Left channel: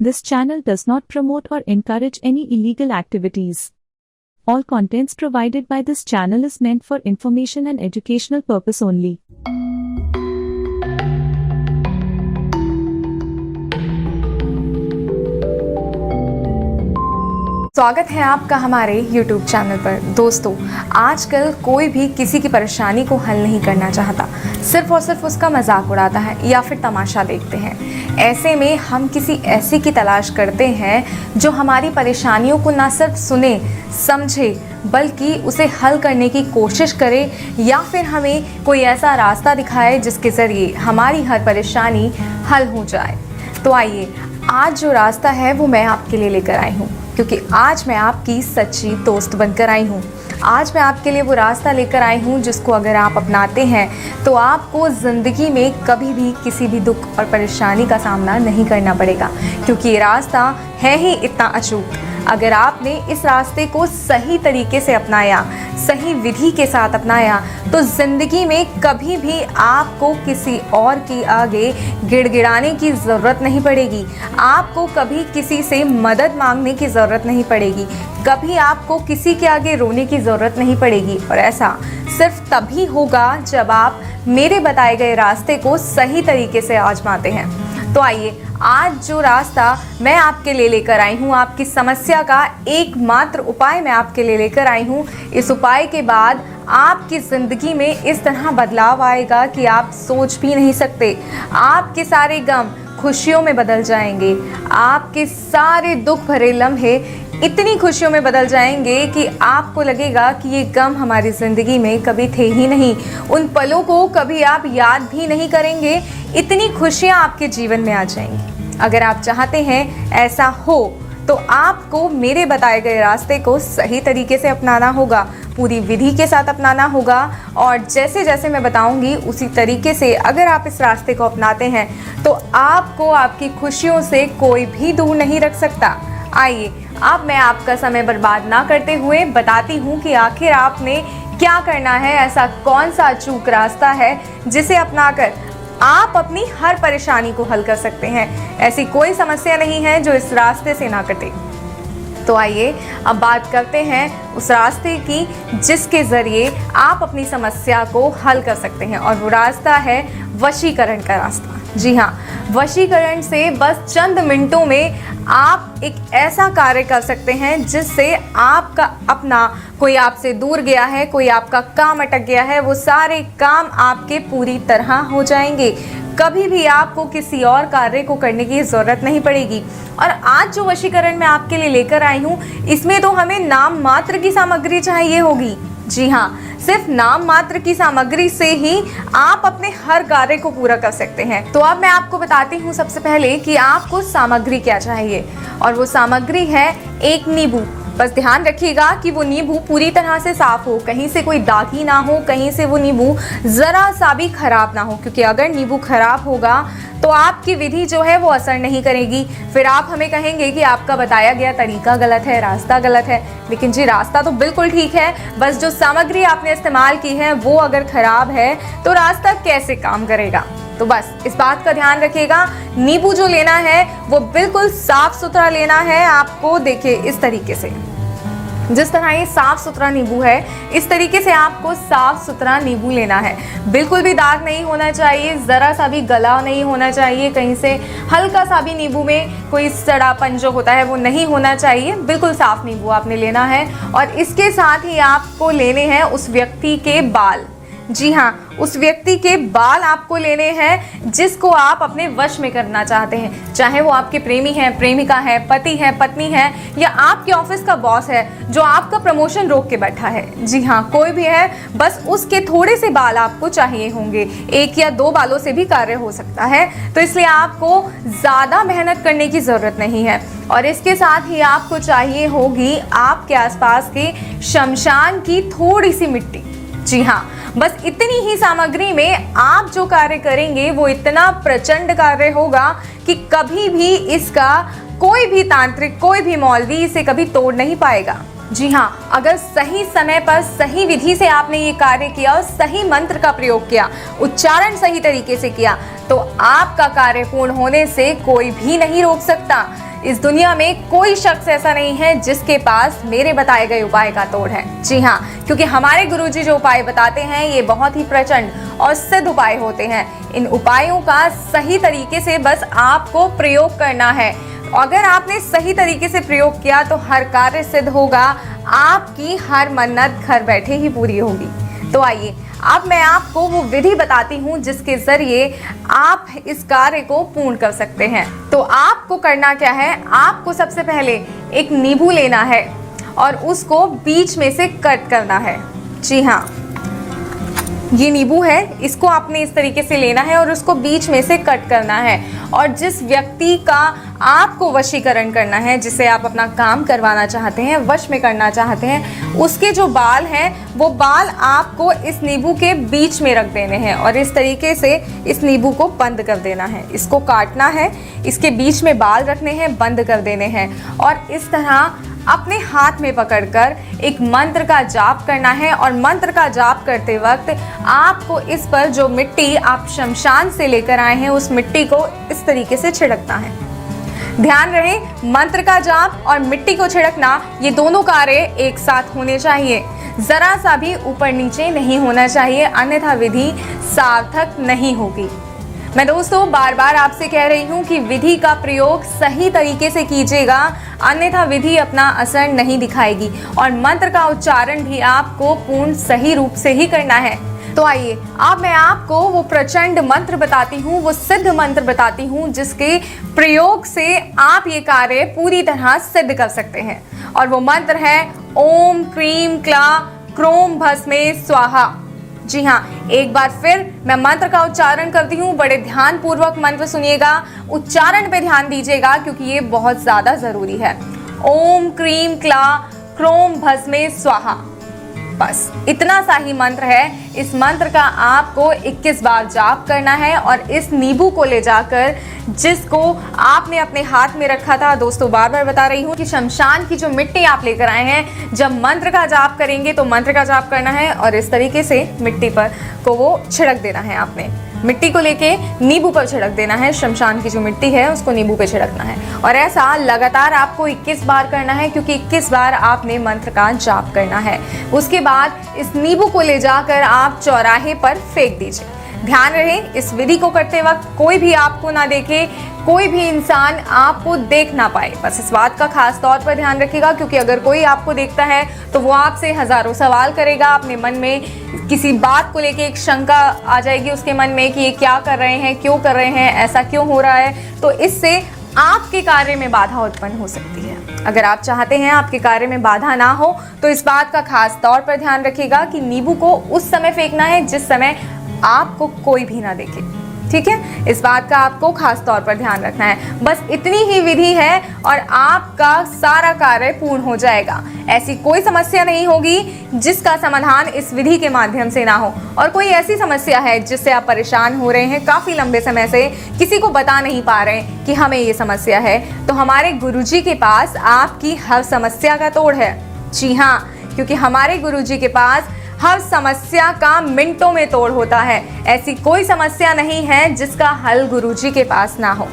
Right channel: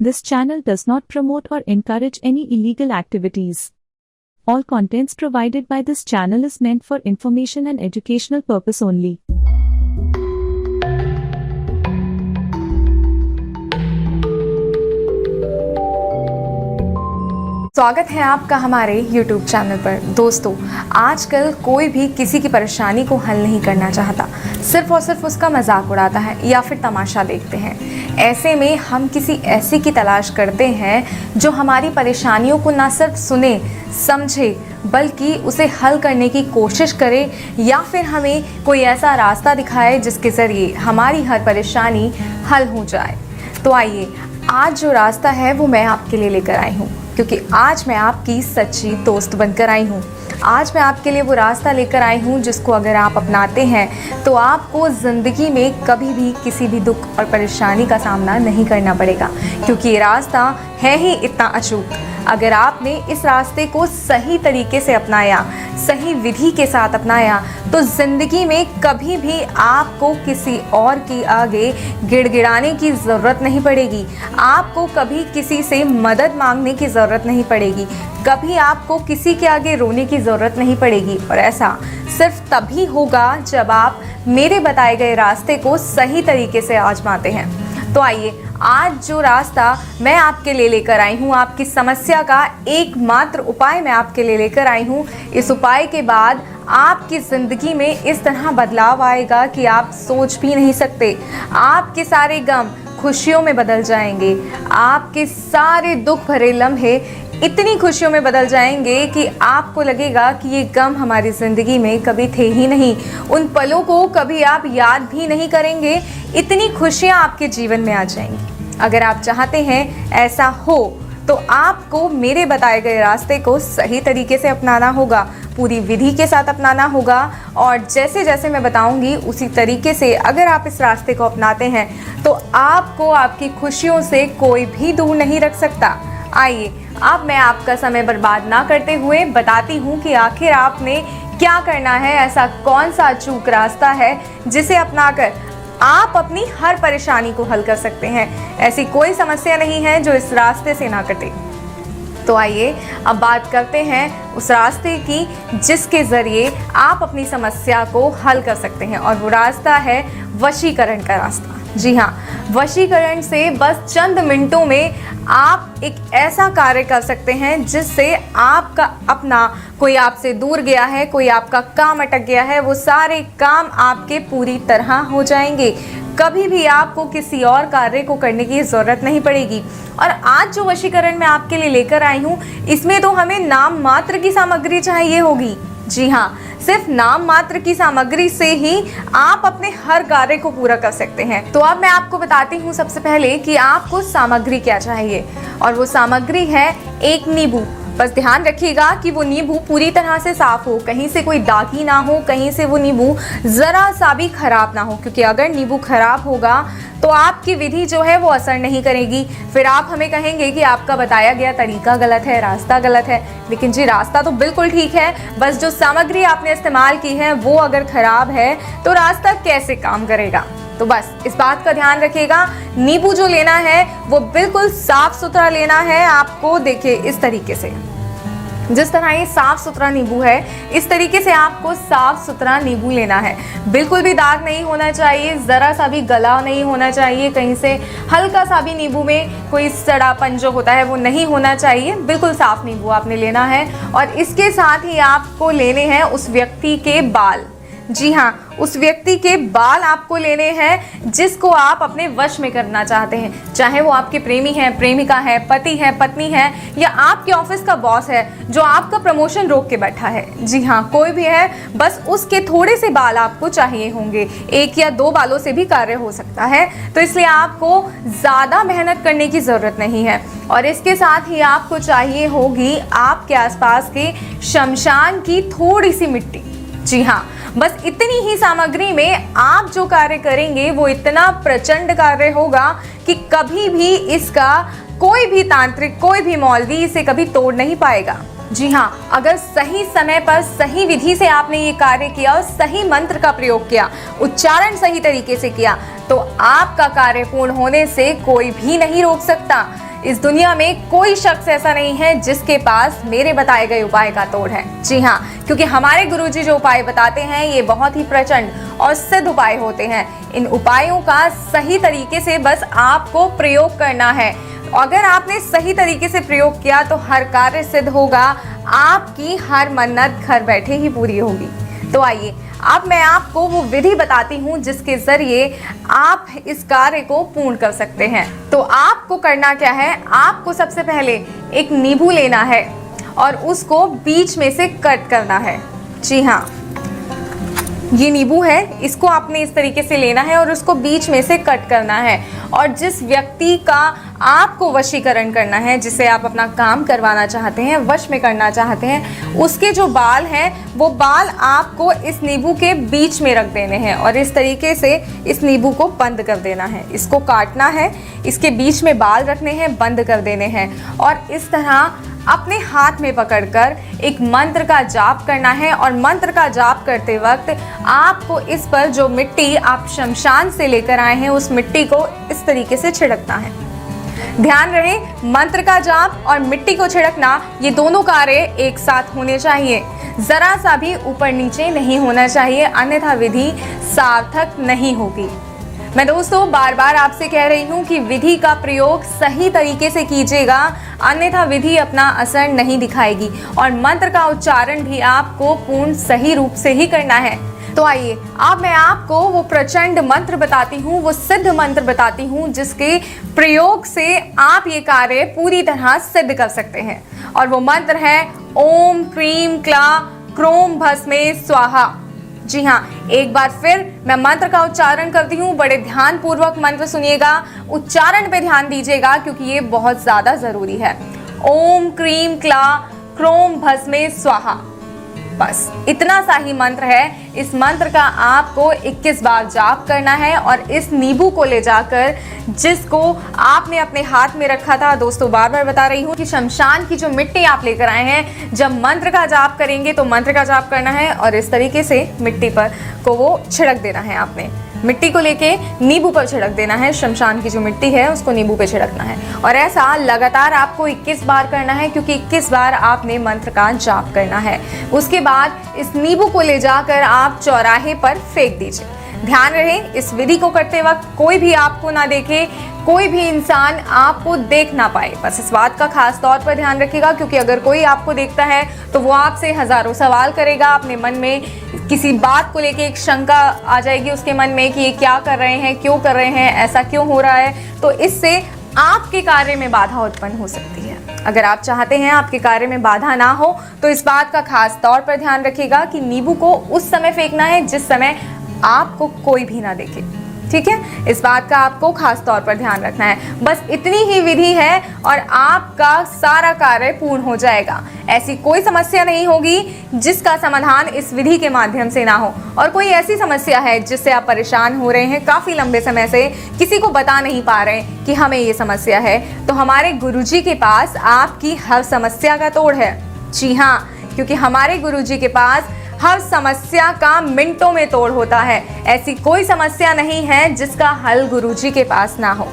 This channel does not promote or encourage any illegal activities. All contents provided by this channel is meant for information and educational purpose only. स्वागत है आपका हमारे YouTube channel पर। दोस्तों, आजकल कोई भी किसी की परेशानी को हल नहीं करना चाहता, सिर्फ और सिर्फ उसका मजाक उड़ाता है या फिर तमाशा देखते हैं। ऐसे में हम किसी ऐसे की तलाश करते हैं जो हमारी परेशानियों को ना सिर्फ सुने समझे बल्कि उसे हल करने की कोशिश करे या फिर हमें कोई ऐसा रास्ता दिखाए जिसके ज़रिए हमारी हर परेशानी हल हो जाए। तो आइए, आज जो रास्ता है वो मैं आपके लिए लेकर आई हूँ, क्योंकि आज मैं आपकी सच्ची दोस्त बनकर आई हूँ। आज मैं आपके लिए वो रास्ता लेकर आई हूँ जिसको अगर आप अपनाते हैं तो आपको ज़िंदगी में कभी भी किसी भी दुख और परेशानी का सामना नहीं करना पड़ेगा, क्योंकि ये रास्ता है ही इतना अचूक। अगर आपने इस रास्ते को सही तरीके से अपनाया, सही विधि के साथ अपनाया, तो जिंदगी में कभी भी आपको किसी और की आगे गिड़गिड़ाने की ज़रूरत नहीं पड़ेगी। आपको कभी किसी से मदद मांगने की ज़रूरत नहीं पड़ेगी, कभी आपको किसी के आगे रोने की ज़रूरत नहीं पड़ेगी। और ऐसा सिर्फ तभी होगा जब आप मेरे बताए गए रास्ते को सही तरीके से आजमाते हैं। तो आइए, आज जो रास्ता मैं आपके लिए लेकर आई हूँ, आपकी समस्या का एकमात्र उपाय मैं आपके लिए लेकर आई हूँ। इस उपाय के बाद आपकी जिंदगी में इस तरह बदलाव आएगा कि आप सोच भी नहीं सकते। आपके सारे गम खुशियों में बदल जाएंगे, आपके सारे दुख भरे लम्हे इतनी खुशियों में बदल जाएंगे कि आपको लगेगा कि ये गम हमारी ज़िंदगी में कभी थे ही नहीं। उन पलों को कभी आप याद भी नहीं करेंगे, इतनी खुशियाँ आपके जीवन में आ जाएंगी। अगर आप चाहते हैं ऐसा हो तो आपको मेरे बताए गए रास्ते को सही तरीके से अपनाना होगा, पूरी विधि के साथ अपनाना होगा, और जैसे जैसे मैं बताऊंगी उसी तरीके से अगर आप इस रास्ते को अपनाते हैं तो आपको आपकी खुशियों से कोई भी दूर नहीं रख सकता। आइए, अब मैं आपका समय बर्बाद ना करते हुए बताती हूँ कि आखिर आपने क्या करना है। ऐसा कौन सा अचूक रास्ता है जिसे अपनाकर आप अपनी हर परेशानी को हल कर सकते हैं। ऐसी कोई समस्या नहीं है जो इस रास्ते से ना कटे। तो आइए, अब बात करते हैं उस रास्ते की जिसके जरिए आप अपनी समस्या को हल कर सकते हैं, और वो रास्ता है वशीकरण का रास्ता। जी हाँ, वशीकरण से बस चंद मिनटों में आप एक ऐसा कार्य कर सकते हैं जिससे आपका अपना कोई आपसे दूर गया है, कोई आपका काम अटक गया है, वो सारे काम आपके पूरी तरह हो जाएंगे। कभी भी आपको किसी और कार्य को करने की जरूरत नहीं पड़ेगी। और आज जो वशीकरण मैं आपके लिए लेकर आई हूँ, इसमें तो हमें नाम मात्र की सामग्री चाहिए होगी। जी हाँ, सिर्फ नाम मात्र की सामग्री से ही आप अपने हर कार्य को पूरा कर सकते हैं। तो अब मैं आपको बताती हूँ सबसे पहले कि आपको सामग्री क्या चाहिए, और वो सामग्री है एक नींबू। बस ध्यान रखिएगा कि वो नींबू पूरी तरह से साफ हो, कहीं से कोई दागी ना हो, कहीं से वो नींबू जरा सा भी खराब ना हो, क्योंकि अगर नींबू खराब होगा तो आपकी विधि जो है वो असर नहीं करेगी। फिर आप हमें कहेंगे कि आपका बताया गया तरीका गलत है, रास्ता गलत है। लेकिन जी, रास्ता तो बिल्कुल ठीक है, बस जो सामग्री आपने इस्तेमाल की है वो अगर खराब है तो रास्ता कैसे काम करेगा। तो बस इस बात का ध्यान रखिएगा। नींबू जो लेना है वो बिल्कुल साफ सुथरा लेना है आपको। देखिए, इस तरीके से, जिस तरह ये साफ सुथरा नींबू है, इस तरीके से आपको साफ सुथरा नींबू लेना है। बिल्कुल भी दाग नहीं होना चाहिए, जरा सा भी गला नहीं होना चाहिए, कहीं से हल्का सा भी नींबू में कोई सड़ापन जो होता है वो नहीं होना चाहिए। बिल्कुल साफ नींबू आपने लेना है। और इसके साथ ही आपको लेने हैं उस व्यक्ति के बाल। जी हाँ, उस व्यक्ति के बाल आपको लेने हैं जिसको आप अपने वश में करना चाहते हैं, चाहे वो आपके प्रेमी है, प्रेमिका है, पति है, पत्नी है, या आपके ऑफिस का बॉस है जो आपका प्रमोशन रोक के बैठा है। जी हाँ, कोई भी है, बस उसके थोड़े से बाल आपको चाहिए होंगे। 1 या 2 बालों से भी कार्य हो सकता है, तो इसलिए आपको ज्यादा मेहनत करने की जरूरत नहीं है। और इसके साथ ही आपको चाहिए होगी आपके आसपास की शमशान की थोड़ी सी मिट्टी। जी हाँ, बस इतनी ही सामग्री में आप जो कार्य करेंगे वो इतना प्रचंड कार्य होगा कि कभी भी इसका कोई भी तांत्रिक, कोई भी मौलवी इसे कभी तोड़ नहीं पाएगा। जी हाँ, अगर सही समय पर सही विधि से आपने ये कार्य किया और सही मंत्र का प्रयोग किया, उच्चारण सही तरीके से किया तो आपका कार्य पूर्ण होने से कोई भी नहीं रोक सकता। इस दुनिया में कोई शख्स ऐसा नहीं है जिसके पास मेरे बताए गए उपाय का तोड़ है। जी हाँ, क्योंकि हमारे गुरुजी जो उपाय बताते हैं ये बहुत ही प्रचंड और सिद्ध उपाय होते हैं। इन उपायों का सही तरीके से बस आपको प्रयोग करना है। अगर आपने सही तरीके से प्रयोग किया तो हर कार्य सिद्ध होगा, आपकी हर मन्नत घर बैठे ही पूरी होगी। तो आइए अब मैं आपको वो विधि बताती हूँ जिसके जरिए आप इस कार्य को पूर्ण कर सकते हैं। तो आपको करना क्या है, आपको सबसे पहले एक नींबू लेना है और उसको बीच में से कट करना है। जी हाँ, ये नींबू है, इसको आपने इस तरीके से लेना है और उसको बीच में से कट करना है। और जिस व्यक्ति का आपको वशीकरण करना है, जिसे आप अपना काम करवाना चाहते हैं, वश में करना चाहते हैं, उसके जो बाल हैं वो बाल आपको इस नींबू के बीच में रख देने हैं और इस तरीके से इस नींबू को बंद कर देना है। इसको काटना है, इसके बीच में बाल रखने हैं, बंद कर देने हैं और इस तरह अपने हाथ में पकड़कर एक मंत्र का जाप करना है। और मंत्र का जाप करते वक्त आपको इस पर जो मिट्टी आप शमशान से लेकर आए हैं उस मिट्टी को इस तरीके से छिड़कना है। ध्यान रहे, मंत्र का जाप और मिट्टी को छिड़कना ये दोनों कार्य एक साथ होने चाहिए। जरा सा भी ऊपर नीचे नहीं होना चाहिए, अन्यथा विधि सार्थक नहीं होगी। मैं दोस्तों बार बार आपसे कह रही हूँ कि विधि का प्रयोग सही तरीके से कीजिएगा, अन्यथा विधि अपना असर नहीं दिखाएगी। और मंत्र का उच्चारण भी आपको पूर्ण सही रूप से ही करना है। तो आइए अब मैं आपको वो प्रचंड मंत्र बताती हूँ, वो सिद्ध मंत्र बताती हूँ जिसके प्रयोग से आप ये कार्य पूरी तरह सिद्ध कर सकते हैं। और वो मंत्र है ओम क्रीम क्लां क्रोम भस्मे स्वाहा। जी हाँ, एक बार फिर मैं मंत्र का उच्चारण करती हूँ, बड़े ध्यान पूर्वक मंत्र सुनिएगा, उच्चारण पे ध्यान दीजिएगा क्योंकि ये बहुत ज्यादा जरूरी है। ओम क्रीम क्लां क्रोम भस्मे स्वाहा। बस इतना सा ही मंत्र है। इस मंत्र का आपको 21 बार जाप करना है और इस नींबू को ले जाकर जिसको आपने अपने हाथ में रखा था, दोस्तों बार बार बता रही हूँ कि शमशान की जो मिट्टी आप लेकर आए हैं, जब मंत्र का जाप करेंगे तो मंत्र का जाप करना है और इस तरीके से मिट्टी पर को वो छिड़क देना है। आपने मिट्टी को लेके नींबू पर छिड़क देना है, शमशान की जो मिट्टी है उसको नींबू पे छिड़कना है और ऐसा लगातार आपको 21 बार करना है क्योंकि 21 बार आपने मंत्र का जाप करना है। उसके बाद इस नींबू को ले जाकर आप चौराहे पर फेंक दीजिए। ध्यान रहे, इस विधि को करते वक्त कोई भी आपको ना देखे, कोई भी इंसान आपको देख ना पाए। बस इस बात का खास तौर पर ध्यान रखिएगा क्योंकि अगर कोई आपको देखता है तो वो आपसे हजारों सवाल करेगा। अपने मन में किसी बात को लेके एक शंका आ जाएगी उसके मन में कि ये क्या कर रहे हैं, क्यों कर रहे हैं, ऐसा क्यों हो रहा है। तो इससे आपके कार्य में बाधा उत्पन्न हो सकती है। अगर आप चाहते हैं आपके कार्य में बाधा ना हो तो इस बात का खास तौर पर ध्यान रखिएगा कि नींबू को उस समय फेंकना है जिस समय आपको कोई भी ना देखे। ठीक है, इस बात का आपको खास तौर पर ध्यान रखना है। बस इतनी ही विधि है और आपका सारा कार्य पूर्ण हो जाएगा। ऐसी कोई समस्या नहीं होगी जिसका समाधान इस विधि के माध्यम से ना हो। और कोई ऐसी समस्या है जिससे आप परेशान हो रहे हैं काफी लंबे समय से, किसी को बता नहीं पा रहे कि हमें ये समस्या है, तो हमारे गुरुजी के पास आपकी हर समस्या का तोड़ है। जी हाँ, क्योंकि हमारे गुरुजी के पास हर समस्या का मिनटों में तोड़ होता है। ऐसी कोई समस्या नहीं है जिसका हल गुरुजी के पास ना हो।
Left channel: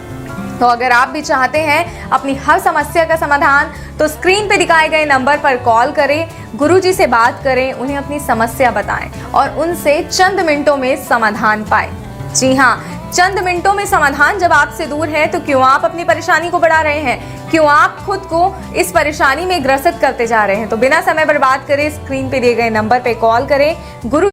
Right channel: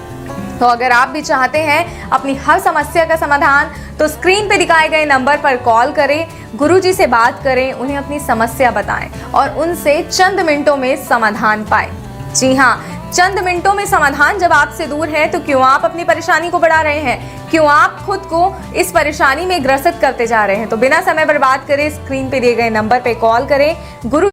तो अगर आप भी चाहते हैं अपनी हर समस्या का समाधान, तो स्क्रीन पर दिखाए गए नंबर पर कॉल करें, गुरुजी से बात करें, उन्हें अपनी समस्या बताएं और उनसे चंद मिनटों में समाधान पाएं। जी हाँ, चंद मिनटों में समाधान जब आपसे दूर है तो क्यों आप अपनी परेशानी को बढ़ा रहे हैं, क्यों आप खुद को इस परेशानी में ग्रसित करते जा रहे हैं। तो बिना समय बर्बाद करे स्क्रीन पे दिए गए नंबर पे कॉल करें। गुरु